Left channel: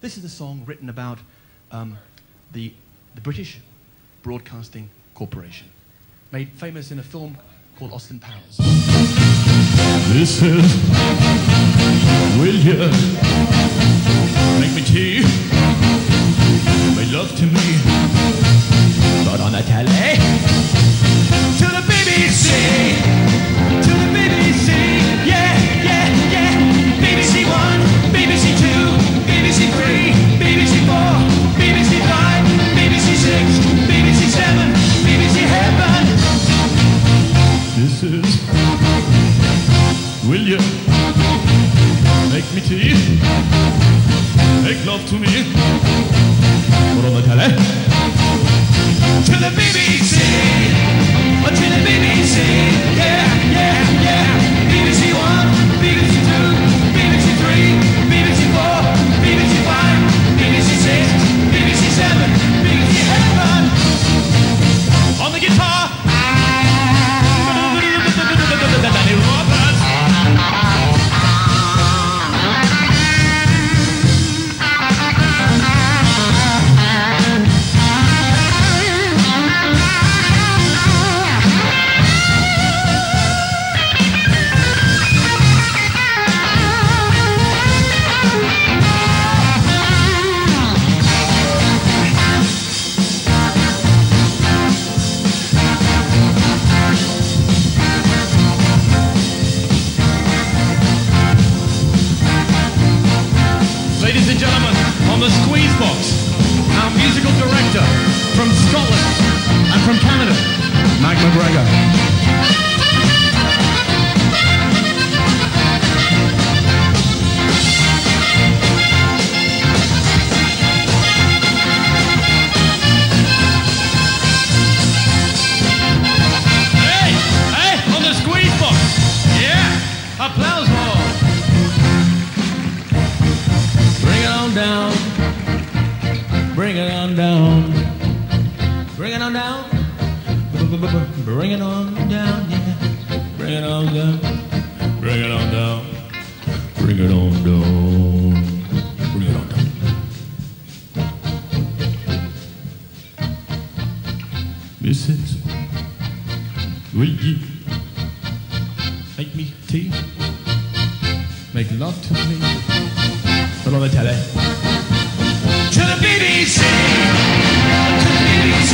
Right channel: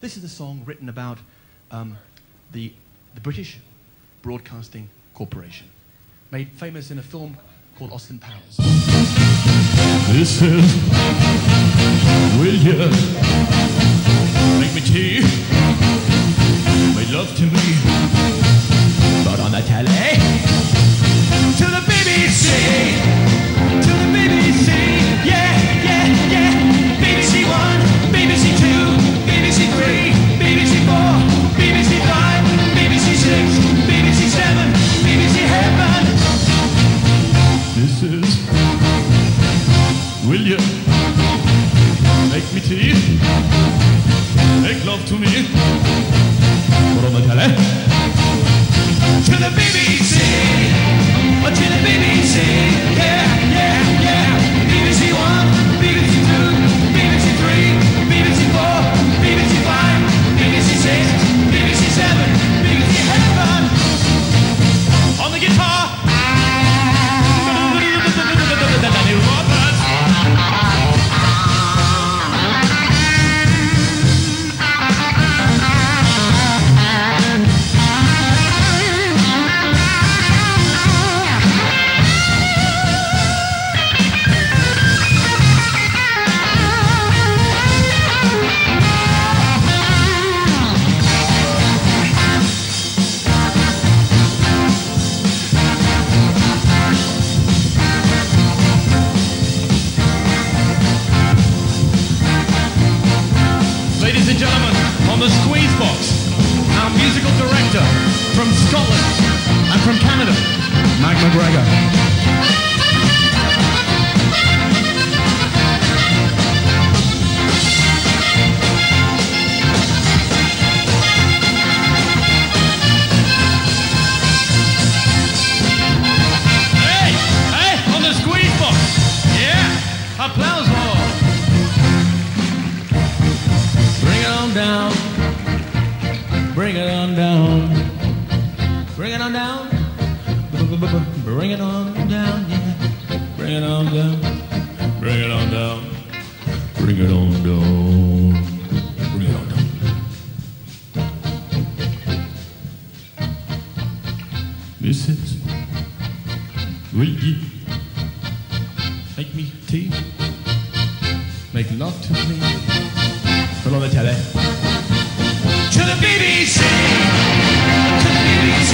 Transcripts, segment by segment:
This is a song written about the British Broadcasting Corporation, made famous in a film called Austin Powers. This is will you make me tea, make love to me, but on the telly, to the BBC, to the BBC, yeah, yeah, yeah, BBC One, BBC Two, BBC Three, BBC Four, BBC Five, BBC Six, BBC Seven, BBC Heaven. This is will you make me tea, make love to me, put on the telly, to the BBC, or to the BBC, yeah, yeah, yeah, BBC One, BBC Two, BBC Three, BBC Four, BBC Five, BBC Six, BBC Seven, BBC Heaven, on the guitar, Danny Roberts. Ladies and gentlemen, on the Squeeze Box, our musical director from Scotland and from Canada, Mike McGregor. Hey, on the Squeeze Box, yeah, applause hall. Bring it on down, bring it on down, bring it on down, bring it on down, yeah, bring it on down, bring it on down, bring it on down, bring it on down. Mrs. Will you make me tea, make love to me? Put on the telly. To the BBC! To the BBC!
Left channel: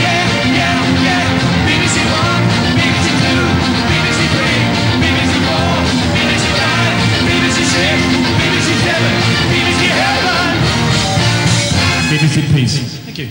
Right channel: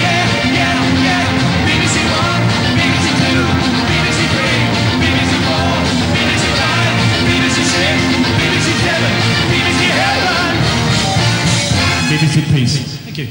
Yeah, yeah, yeah! BBC One, BBC Two, BBC Three, BBC Four, BBC Five, BBC Six, BBC Seven, BBC Heaven! Make us in peace. Thank you.